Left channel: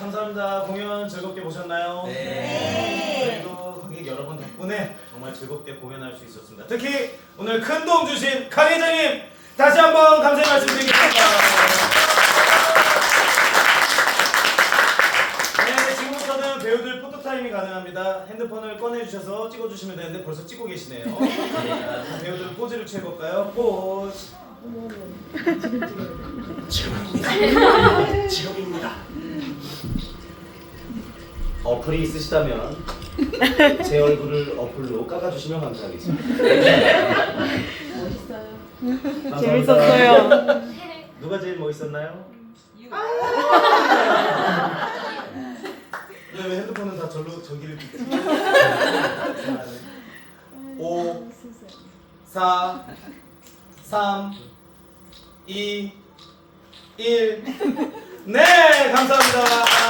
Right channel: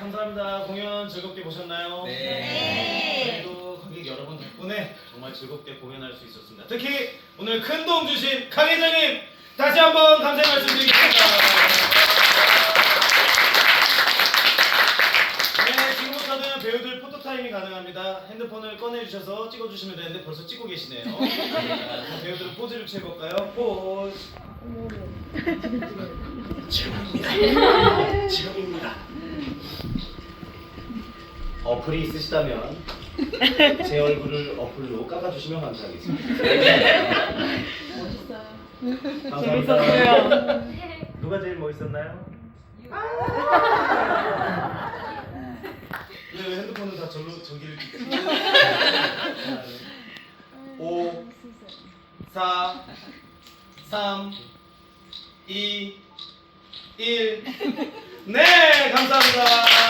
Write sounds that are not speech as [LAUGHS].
감사합니다. 공연 즐겁게 보셨나요? 네. 네. 저희도 관객 여러분 덕분에 정말 즐겁게 공연할 수 있었습니다. 특히 오늘 큰 도움 주신 강혜자님 다시 한번 감사 말씀드리겠습니다. 네, 지금부터는 배우들 포토타임이 가능합니다. 핸드폰을 꺼내주셔서 찍어주시면 되는데 벌써 찍고 계시네요. [LAUGHS] 네, 배우들 포즈를 취해볼까요? 포즈. 지금입니다. [LAUGHS] 지금입니다. 어플이 있으시다면 [LAUGHS] 제 얼굴을 어플로 깎아주시면 감사하겠습니다. 감사합니다. 재밌었어요. 누가 제일 멋있었나요? 왜, 왜 핸드폰은 다 절로 저기를 찍지? 5 4 3 2 1 네, 감사합니다.